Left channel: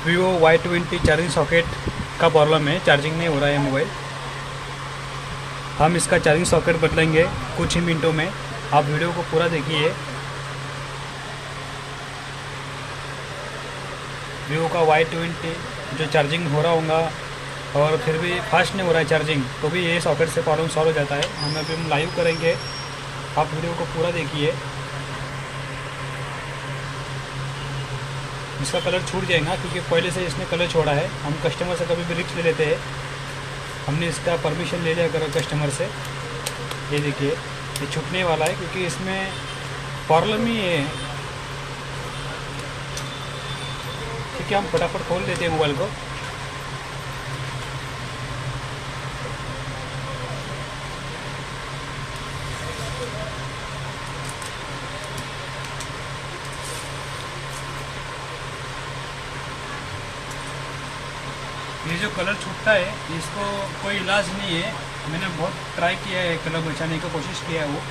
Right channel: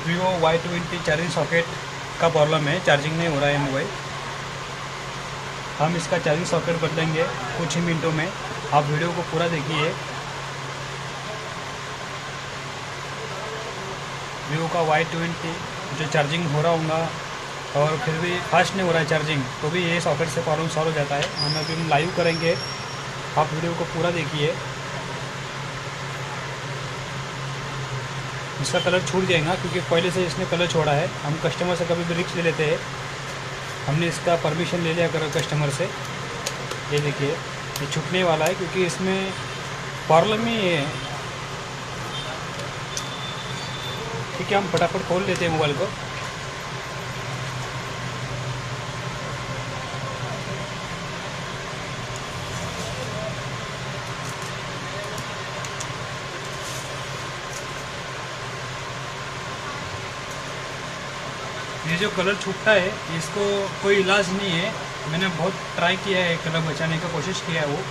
Vivo Y20 charging socket का problem है, charging नहीं हो रहा है मोबाइल। हम इसका चार्जिंग सॉकेट बदलेंगे कुछ ही मिनटों में, आप वीडियो को पूरा देखिए। वीवो का Y20 जो चार्जिंग हो रहा होगा और फिर भी फास्ट नहीं हो रहा है चार्जिंग, तो भी ये सॉकेट से प्रॉब्लम सॉल्व हो जाता है। हम अभी लाइव करेंगे, आप वीडियो को पूरा देखिए। इसका कलर छूट जाएगा क्योंकि पहले से इसने कलर छोड़ा है। हम कस्टमर से कभी भी रिस्क ले लेते हैं, हमने इसका परमिशन ले लिया कस्टमर से। ये देखिए ये छूटने वाला है क्योंकि इसमें प्रॉब्लम ही है। ठीक है, हम फटाफट खोल लेते हैं मोबाइल को। ये जो कलर छूटता है इसको कोई इलाज नहीं है। मैंने बहुत ट्राई किया है, कलर बचाने का कोशिश किया है वो।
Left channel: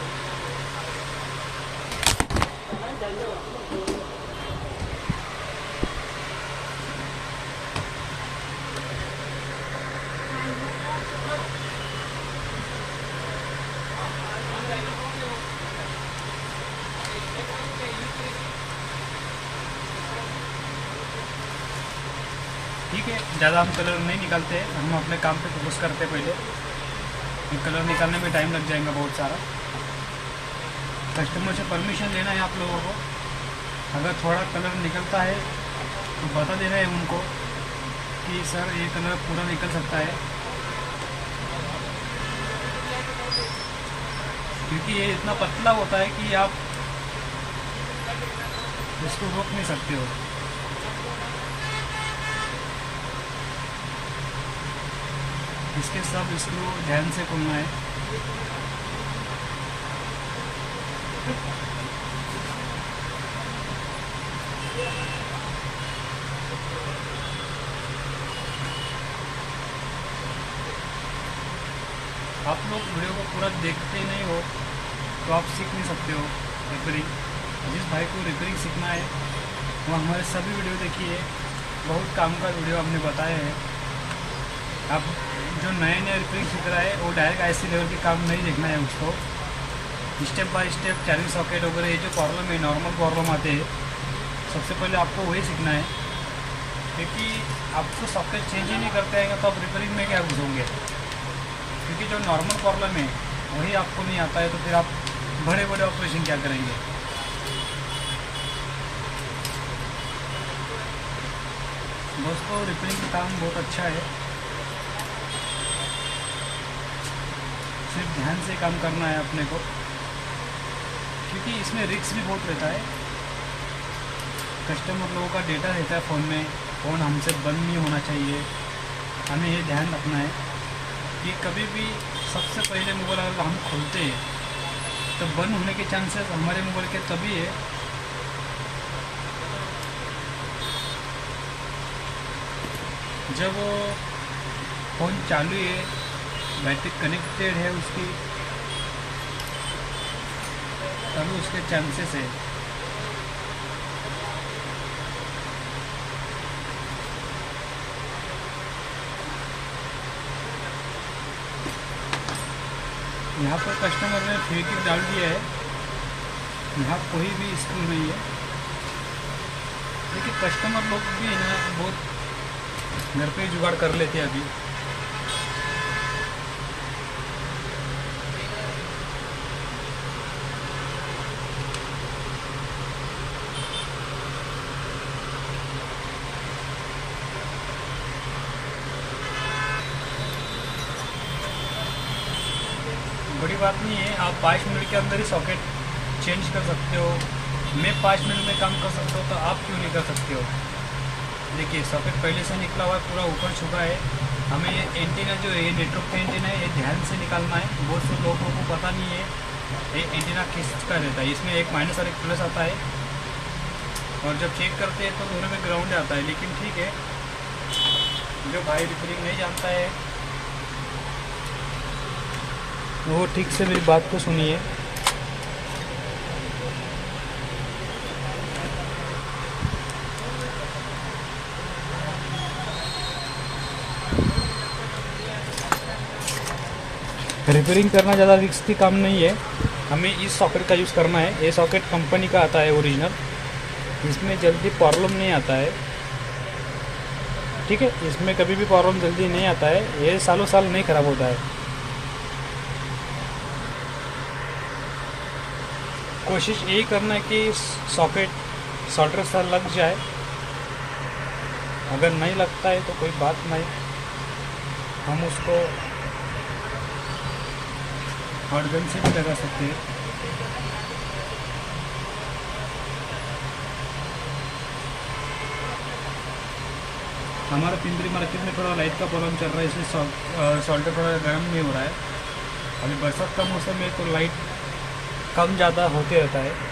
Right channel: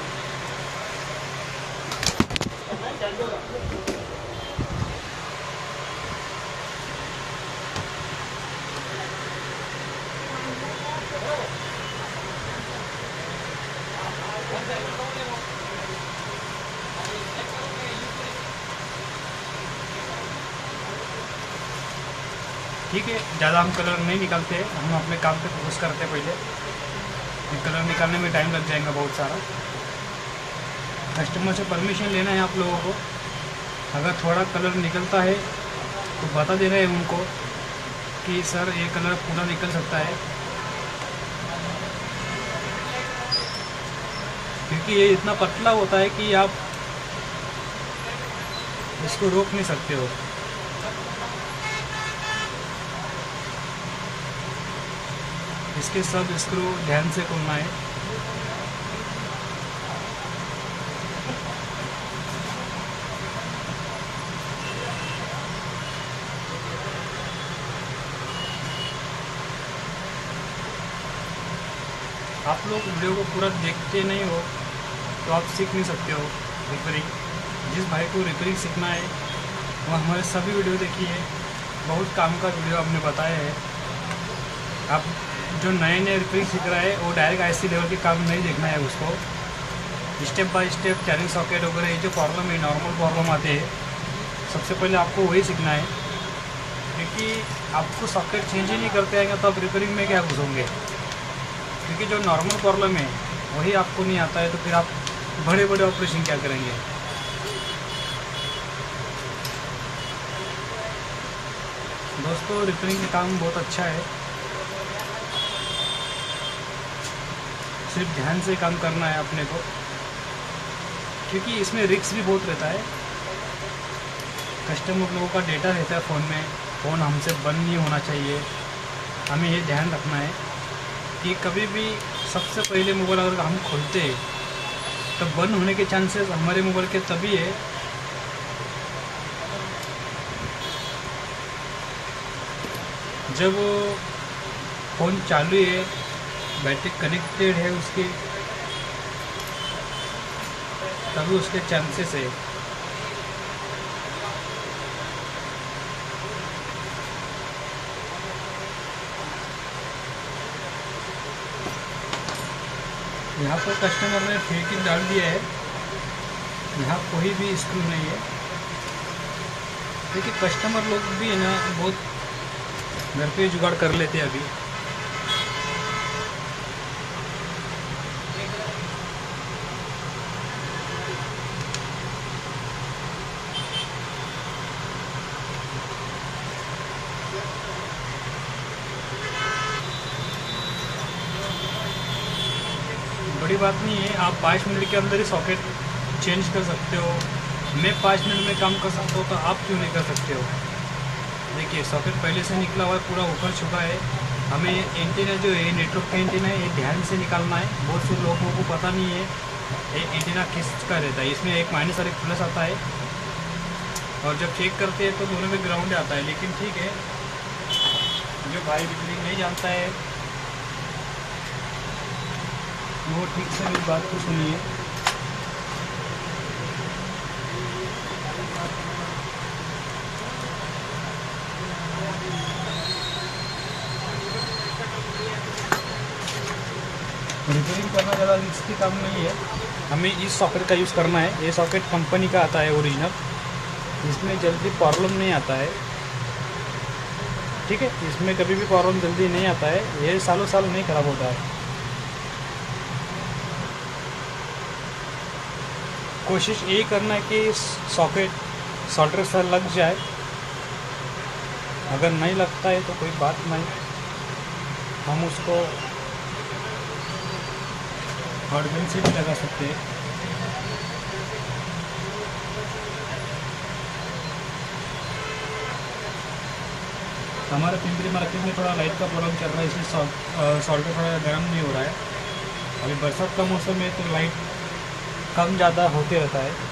ठीक है, ज़्यादा हम कलर नहीं निकालते, हम अपने काम पे फोकस करते पहले। ये कलर निकालने में टाइम लग जाएगा बहुत सारा। कस्टमर से परमिशन लेना है आप लोगों को। अगर थोड़ा कलर निकलता है तो बता देना है उनको कि सर ये कलर पूरा निकल सकता है, क्योंकि ये इतना पतला होता है कि आप इसको रोक नहीं सकते हो। इसके सब स्क्रू ध्यान से खोलना है। आप लोग वीडियो को पूरा देखते नहीं हो तो आप सीख नहीं सकते हो रिपेयरिंग। जिस भाई को रिपेयरिंग सीखना है वो हमारे सभी वीडियो देखिए, बहुत काम का वीडियो हमने बताया है। आप जो नए नए रिपेयरिंग सीख रहा है वो डायरेक्ट आईसी लेवल के काम नहीं देखना है उसको। Step by step charging socket वगैरह ये जो प्रॉब्लम है, नॉर्मल प्रॉब्लम आते हैं, सबसे पहले आपको वही सीखना है। क्योंकि आपको सॉकेट चेंज ही नहीं करते आएंगे तो आप रिपेयरिंग में क्या घुसोगे। क्योंकि जो नॉर्मल प्रॉब्लम है वही आपको नहीं आता है तो फिर आप बड़े बड़े ऑपरेशन क्या करेंगे। दोस्तों रिपेयरिंग का काम बहुत अच्छा है, सिर्फ ध्यान से काम करना है अपने को, क्योंकि इसमें रिस्क भी बहुत रहता है। कस्टमर लोगों का डेटा रहता है फ़ोन में, फ़ोन हमसे बंद नहीं होना चाहिए। हमें ये ध्यान रखना है कि कभी भी सबसे पहले मोबाइल अगर हम खोलते हैं तो बंद होने के चांसेस हमारे मोबाइल के तभी है जब फ़ोन चालू है, बैटरी कनेक्टेड है उसकी, तभी उसके चांसेस है। यहाँ पर कस्टमर ने फिटिंग डाल दिया है, यहाँ कोई भी स्क्रू नहीं है। लेकिन कस्टमर लोग भी ना बहुत घर पे जुगाड़ कर लेते हैं अभी। बड़ी बात नहीं है, आप 5 मिनट के अंदर ही सॉकेट चेंज कर सकते हो। मैं 5 मिनट में काम कर सकता हूँ तो आप क्यों नहीं कर सकते हो। देखिए सॉकेट पहले से निकला हुआ है, पूरा ऊपर छुपा है। हमें एंटीना जो है नेटवर्क का एंटीना है, ये ध्यान से निकालना है। बहुत से लोगों को पता नहीं है ये एंटीना किसका रहता है। इसमें एक माइनस और एक प्लस आता है, और जब चेक करते हैं तो दोनों में ग्राउंड आता है। लेकिन ठीक है, जो भाई रिपेयरिंग नहीं जानता है वो ठीक से मेरी बात को सुनिए। रिपेयरिंग करना ज़्यादा रिस्की काम नहीं है, हमें इस सॉकेट का यूज़ करना है। ये सॉकेट कंपनी का आता है ओरिजिनल, इसमें जल्दी प्रॉब्लम नहीं आता है, ठीक है। इसमें कभी भी प्रॉब्लम जल्दी नहीं आता है, ये सालों साल नहीं ख़राब होता है। कोशिश यही करना है कि सॉकेट सोल्डर से लग जाए, अगर नहीं लगता है तो कोई बात नहीं, हम उसको हॉट गन से भी लगा सकते हैं। हमारे पिंपरी मार्केट में थोड़ा लाइट का प्रॉब्लम चल रहा है, इसलिए सोल्डर थोड़ा गर्म नहीं हो रहा है। अभी बरसात का मौसम है तो लाइट कम ज़्यादा होते रहता है।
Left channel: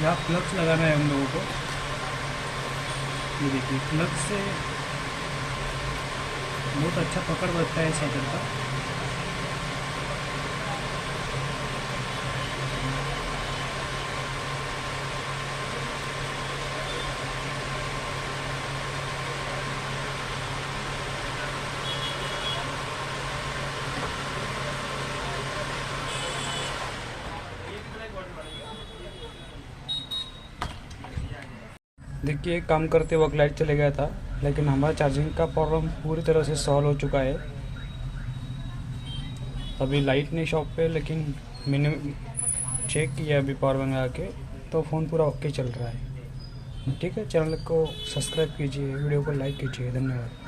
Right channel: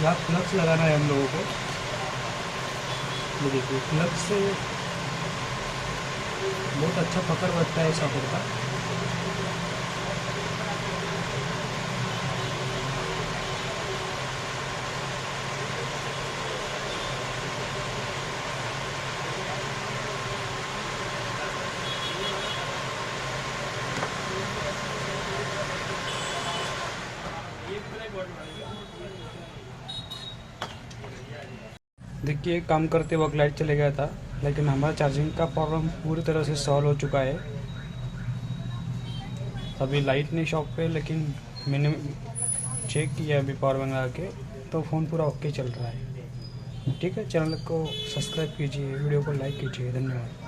यहाँ फ्लक्स लगाना है हम लोगों को। ये देखिए, फ्लक्स से बहुत अच्छा पकड़ बढ़ता है सॉकेट का। देखिए, काम करते वक्त लाइट चले गया था, लेकिन हमारा चार्जिंग का प्रॉब्लम पूरी तरह से सॉल्व हो चुका है। अभी लाइट नहीं शॉप पे, लेकिन मैंने चेक किया अभी पावर बैंक लगा के, तो फ़ोन पूरा ओके चल रहा है। ठीक है, चैनल को सब्सक्राइब कीजिए, वीडियो को लाइक कीजिए। धन्यवाद।